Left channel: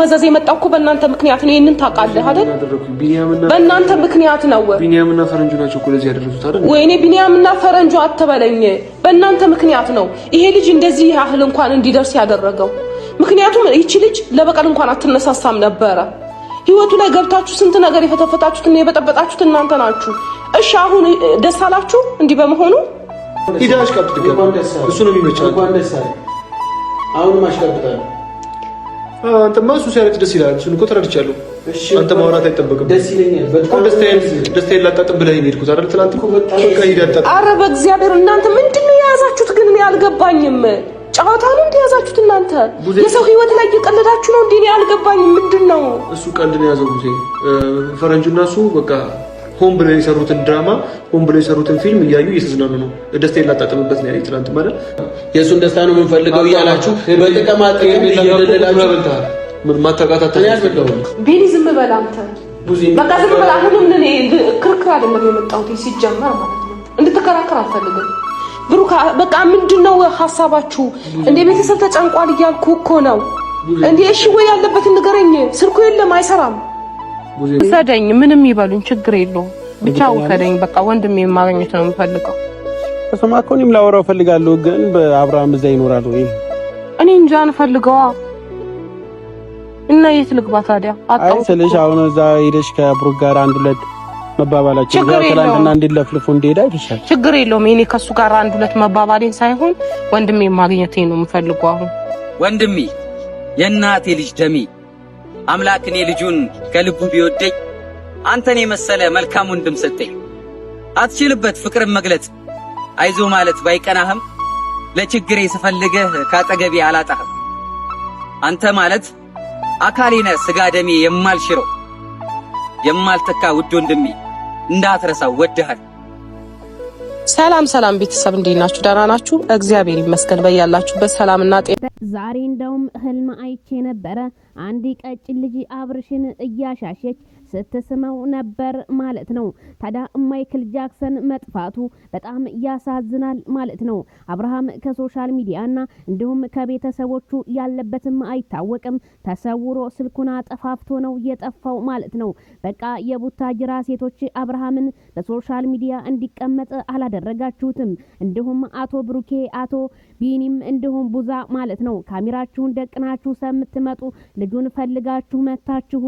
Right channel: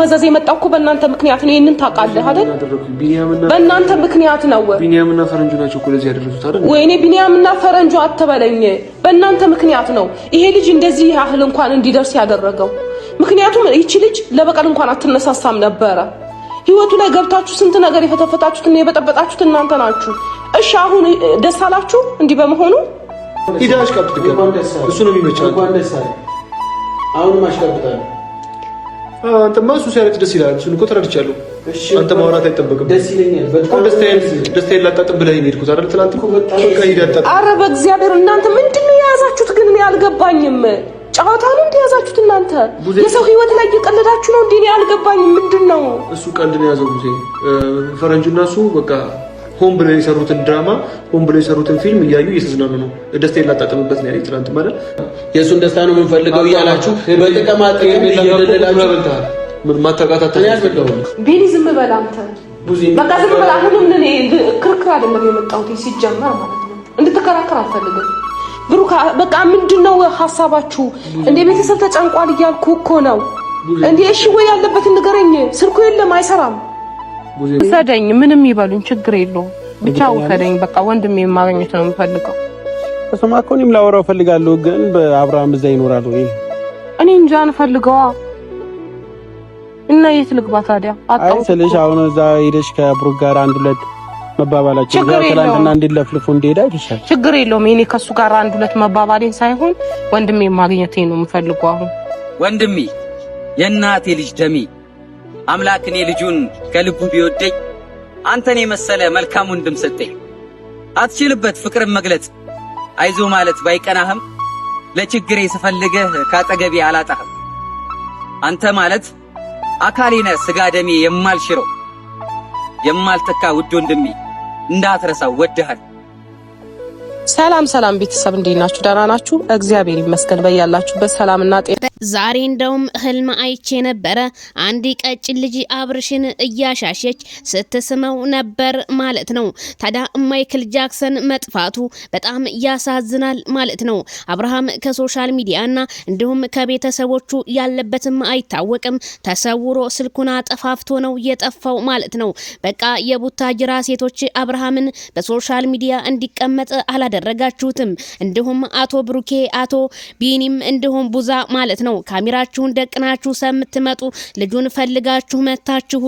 መዘዝ የመጣው እኮ በእናንተ ምክንያት ነው። ይሄንን ታውቃለህ አይደል? በእናንተ ምክንያት ነው። ቢኒያምና ፈረንጁ ናቸው እኮ ለዚህ ያደረሱት አይደል? ወይኔ ቢኒያምና ፈረንጁ አትበለኝ። በእናንተ ምክንያት ነው ይሄ ልጅ እንደዚህ ያህል እንኳን እንዲደርስ ያደረገው። ምክንያቱም ይቺ ልጅ ለበቀል እንኳን አትነሳሳም ነበረ። ህይወቱ ላይ ገብታችሁ ስንት ነገር የፈተፈታችሁትና የበጠበጣችሁት እናንተ ናችሁ። እሺ አሁን ደስ አላችሁ እንዲህ በመሆኑ? ሂዳሽ ቀጥታ እሱ ነው የሚመቻው። እንኳን ደስ አለ። አሁን ማሽቀጥታለሁ። አንተማ እሱ ሲያለቅስ ደስ ይላል። እሱን እኮ ተረድቻለሁ። አንተ ማውራት አይጠበቅም። ደስ ይለኛል በጣም ደስታዬን ላጣጥም ብለህ ሄድኩት አይደል? ትናንት እኮ በጣም ከሂዳታ ኧረ በእግዚአብሔር እናንተ ምንድነው የያዛችሁት ግን? እኔ አልገባኝም። ጨዋታ ነው እንደያዛችሁት እናንተ? የሰው ህይወት ላይ እየቀለዳችሁ ነው እንዴ? እኔ አልገባኝም። ምንድነው እሱ? ቀልድ ነው የያዘው ሙሴ። ፈረንጁና እሱ በቃ ሆም ብለው የሰሩትን ድራማ ሆም ብለው የሰሩትን ፊልም እያዩ እየተዝናኑ ነው። ደስታዬን ላጣጥምበት ነው ያለኝ ትናንት ማለት የእሱን ደስታ ነው የምንፈልገው እያላችሁ በጥቅም አጥቅም እየደለላችሁ ምን ማታቃታታ ቢኒ ዝም በል አንተ። በቃ ዝም በል። አሁንም እኔ ክርክር አይደለም የመጣሁት ሲጀመር ማለት ነው። እንድትከራከር አልፈልግም። ብሩክ በቃ ምንድነው ሐሳባችሁ? እንደ ቤተሰብ ተጨንቋል እያልኩ እኮ ነው እንዴ። እሺ ወይ ያለበትን ንገረኝ። ስልኩ የለም አይሰራም። ሰደኝ ምንም ይበሉኝ ችግር የለውም። ብቻ ወከደኝ በቃ ወንድሜ ማግኘት ነው የምፈልገው። እሱማ እኮ እኔም ላወራው ፈልጋለሁ፣ ግን በአብርሃም እዛ ይኖራል ወይ? እኔ እንጃ እንፈልገዋ እና የት ልግባ ታዲያ? አይ ስለሽ አሁን እዛ ሄደሽ ከብሩክ ጋር አንድ ሁለት መባባላችን ጋር ትላንትና እንዲለፍልፉ እንዲሄድ አይተሻል። ችግር የለውም። እኔ ከሱ ጋር አንድ ሁለት መባባሌን ሳይሆን ወንድሜ ማግኘቴ ነው የምፈልገው። አሁን ወንድሜ የእናቴ ልጅ ደሜ አምላክ እኔ ልጁን ከልቡ ቢወደኝ አንተን የመሰለ መልካም ወንድም ሰጠኝ። አትችልበት ፍቅርን መግለጽ አይዞ ማለት ባይቀናህም ለችግሬ ስፈልግህ ካጠገቤ አላጣህም። አንተ ማለት አካሌ ነህ ስጋ ደሜ የማልሽረው የማልተካ ውድ ወንድሜ እንዳትረሳው ወድሃል። ሰላም ሰላም ቤተሰብ እንዴት ናችሁ? ደህና ናችሁ? እግዚአብሔር ይመስገን። በያላችሁበት ሰላምና ጤና። ዛሬ እንደውም ህልም አይቼ ነበረ። አንድ ቀጭን ልጅ አብርሽን እያሻሸች ስትስመው ነበር ማለት ነው። ታዲያ ማይክል ጃክሰን መጥፋቱ በጣም ያሳዝናል ማለት ነው። አብርሃም ከሶሻል ሚዲያና እንዲሁም ከቤተሰቦቹ ያለበትም አይታወቅም። ተሰውሮ ስልኩን አጠፋፍቶ ነው የጠፋው ማለት ነው። በቃ የቡታጅራ ሴቶች አብርሃምን በሶሻል ሚዲያ እንዲቀመጥ አላደረጋችሁትም። እንዲሁም አቶ ብሩኬ አቶ ቢኒም እንዲሁም ቡዛ ማለት ነው ካሜራችሁን ደቅናችሁ ሰምትመጡ ልጁን ፈልጋችሁ መታችሁ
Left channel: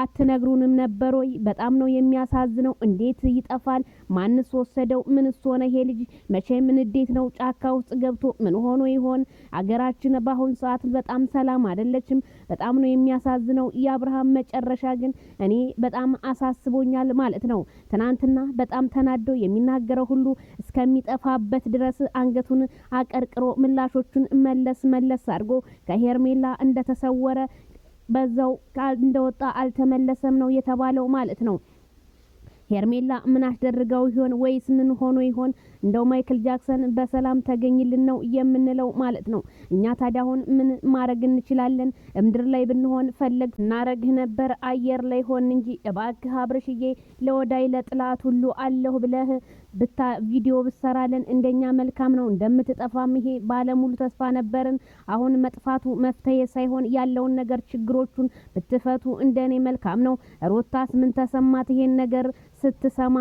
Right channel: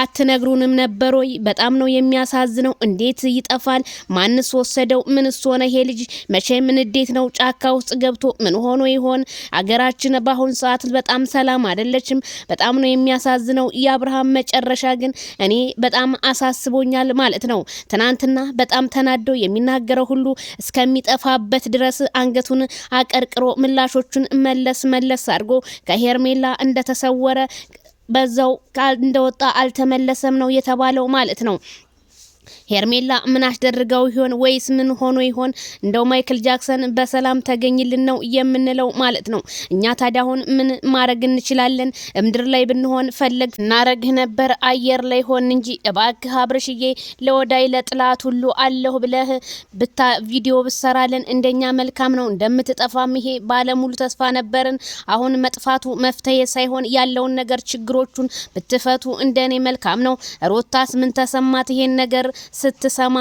አትነግሩንም ነበር ወይ? በጣም ነው የሚያሳዝነው። እንዴት ይጠፋል? ማንስ ወሰደው? ምንስ ሆነ ይሄ ልጅ? መቼም እንዴት ነው ጫካ ውስጥ ገብቶ ምን ሆኖ ይሆን? አገራችን በአሁን ሰዓት በጣም ሰላም አይደለችም። በጣም ነው የሚያሳዝነው። የአብርሃም መጨረሻ ግን እኔ በጣም አሳስቦኛል ማለት ነው። ትናንትና በጣም ተናዶ የሚናገረው ሁሉ እስከሚጠፋበት ድረስ አንገቱን አቀርቅሮ ምላሾቹን መለስ አድርጎ ከሄርሜላ እንደተሰወረ በዛው እንደወጣ አልተመለሰም ነው የተባለው ማለት ነው። ሄርሜላ ምን አስደርገው ይሆን ወይስ ምን ሆኖ ይሆን? እንደው ማይክል ጃክሰን በሰላም ተገኝልን ነው የምንለው ማለት ነው። እኛ ታዲያ አሁን ምን ማድረግ እንችላለን? ምድር ላይ ብንሆን ፈለግ እናረግህ ነበር፣ አየር ላይ ሆን እንጂ እባክህ አብርሽዬ ለወዳይ ለጥላት ሁሉ አለሁ ብለህ ቪዲዮ ብሰራለን እንደኛ መልካም ነው። እንደምትጠፋም ይሄ ባለሙሉ ተስፋ ነበርን። አሁን መጥፋቱ መፍትሄ ሳይሆን ያለውን ነገር ችግሮቹን ብትፈቱ እንደኔ መልካም ነው። ሮታስ ምን ተሰማት ይሄን ነገር ስትሰማ?